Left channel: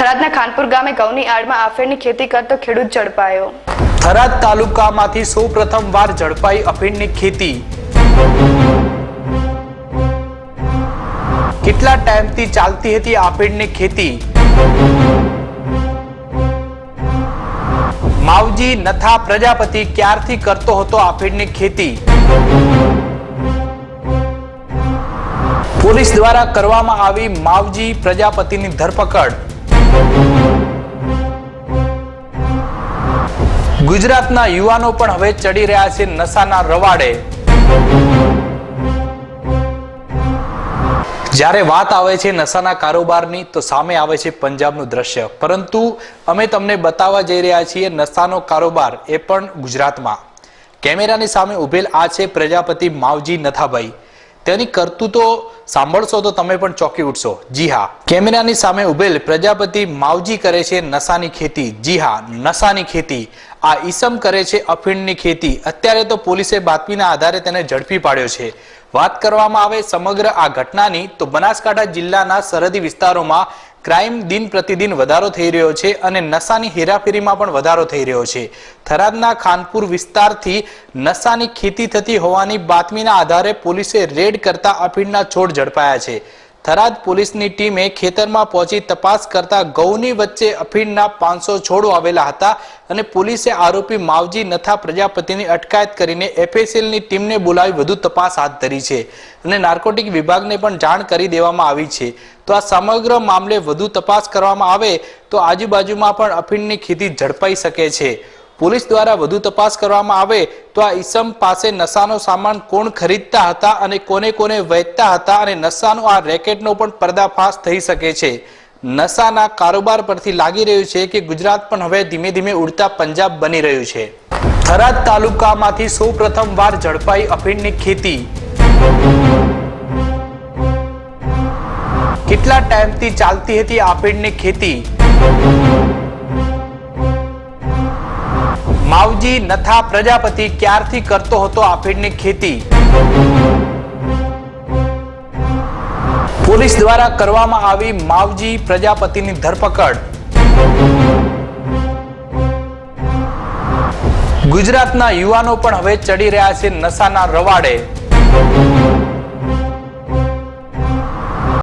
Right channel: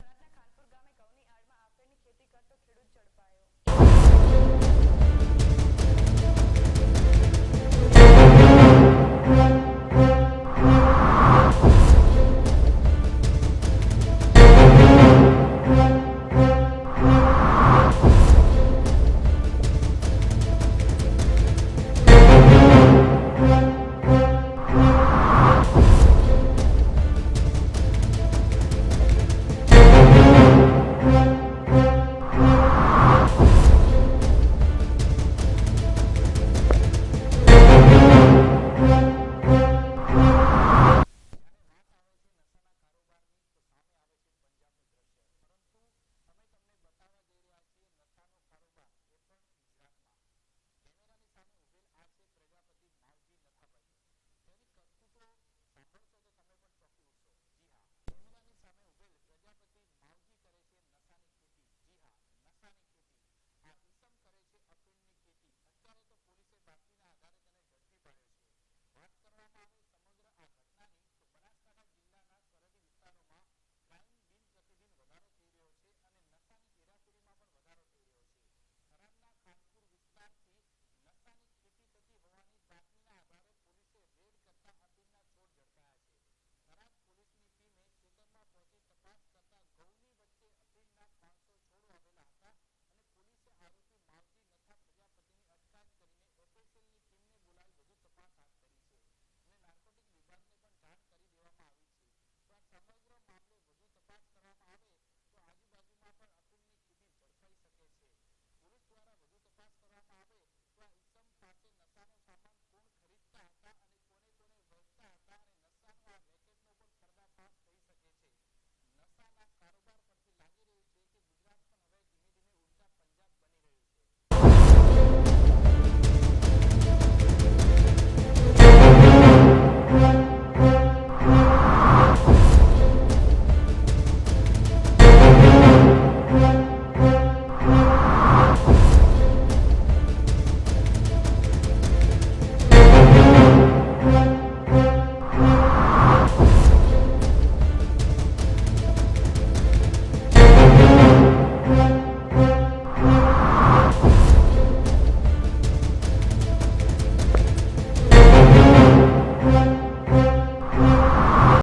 થરાદના ખાનપુર ગામે ઘઉંની આડમાં આફેડની ખેતી કરતો ખેડૂત ઝડપાયો। થરાદ તાલુકામાંથી સૌપ્રથમવાર ઝડપાઈ અફીણની ખેતી। કેટલા ટાઈમથી ચાલતી હતી અફીણની ખેતી? માવજી નથા પ્રજાપતિ ક્યારથી કરતો હતો અફીણની ખેતી? પોલીસ દ્વારા કરવામાં આવી માવજી પ્રજાપતિની ધરપકડ। ગુજરાતના યુવાનો પણ હવે ચડી રહ્યા છે નશાના રવાડે। જ્યારે વાત આવે છે નશાના કારોબારની તો સામે આવે છે પંજાબનું દ્રશ્ય, પરંતુ અમે તમને બતાવવા જઈ રહ્યા છીએ નશાનો કારોબાર એ પણ ગુજરાતમાં। કેમેરાની સામે ઉભેલ આ છે પ્રજાપતિ માવજી નથાભાઈ। તેની કરતૂતો સાંભળશો તો તમે પણ ચોંકી ઉઠશો। જી હા, કેમેરાની સામે ઉભેલ પ્રજાપતિ માવજી કરે છે નશાની ખેતી। જી હા, નશાની ખેતી। આ ઈસમ કરે છે અફીણની ખેતી। અત્યારે તો પોલીસે બાતમીના આધારે તેને ઝડપી પાડ્યો છે। વાત કરવામાં આવે સમગ્ર આ ઘટનાની તો બનાસકાંઠા જિલ્લાના સરહદી વિસ્તારોમાં ક્રાઇમ દિન પ્રતિદિન વધારો થઈ રહ્યો છે અને નશાની હેરાફેરીમાં પણ વધારો થઈ રહ્યો છે। થરાદના ખાનપુર વિસ્તારથી નશાની ખેતી થતી હોવાની બાતમીના આધારે પોલીસે રેડ કરતા અફીણના છોડ ઝડપાયા છે। થરાદ પોલીસની ટીમે ખેતરમાં પહોંચી તપાસ કરતા ઘઉંની વચ્ચે અફીણના 500 છોડો આવેલા હતા અને પોલીસે આરોપી માવજી નથા પ્રજાપતિની અટકાયત કરીને એફએસએલની ટીમને બોલાવી વધુ તપાસ હાથ ધરી છે અને નાર્કોટિક વિભાગને પણ જાણ કરી દેવામાં આવી છે। તો આ સમગ્ર મામલે વધુ તપાસ કરવામાં આવે તો આજુબાજુમાં પણ અફીણની ખેતી ઝડપાઈ શકે છે। પોલીસ દ્વારા વધુ તપાસ કરવામાં આવે તો આ ઈસમ પાસે નશાનો સામાન કોણ ખરીદતા હતા અને કોને કોને વેચતા હતા અને નશાનો આ રેકેટનો પણ પર્દાફાશ થઈ શકે છે। નશાના કારોબાર પરથી લાગી રહ્યું છે કે ગુજરાત પણ હવે ધીમે ધીમે ઉડતા પંજાબ બની રહ્યું છે। થરાદ તાલુકામાંથી સૌપ્રથમવાર ઝડપાઈ અફીણની ખેતી। કેટલા ટાઈમથી ચાલતી હતી અફીણની ખેતી? માવજી નથા પ્રજાપતિ ક્યારથી કરતો હતો અફીણની ખેતી? પોલીસ દ્વારા કરવામાં આવી માવજી પ્રજાપતિની ધરપકડ। ગુજરાતના યુવાનો પણ હવે ચડી રહ્યા છે નશાના રવાડે।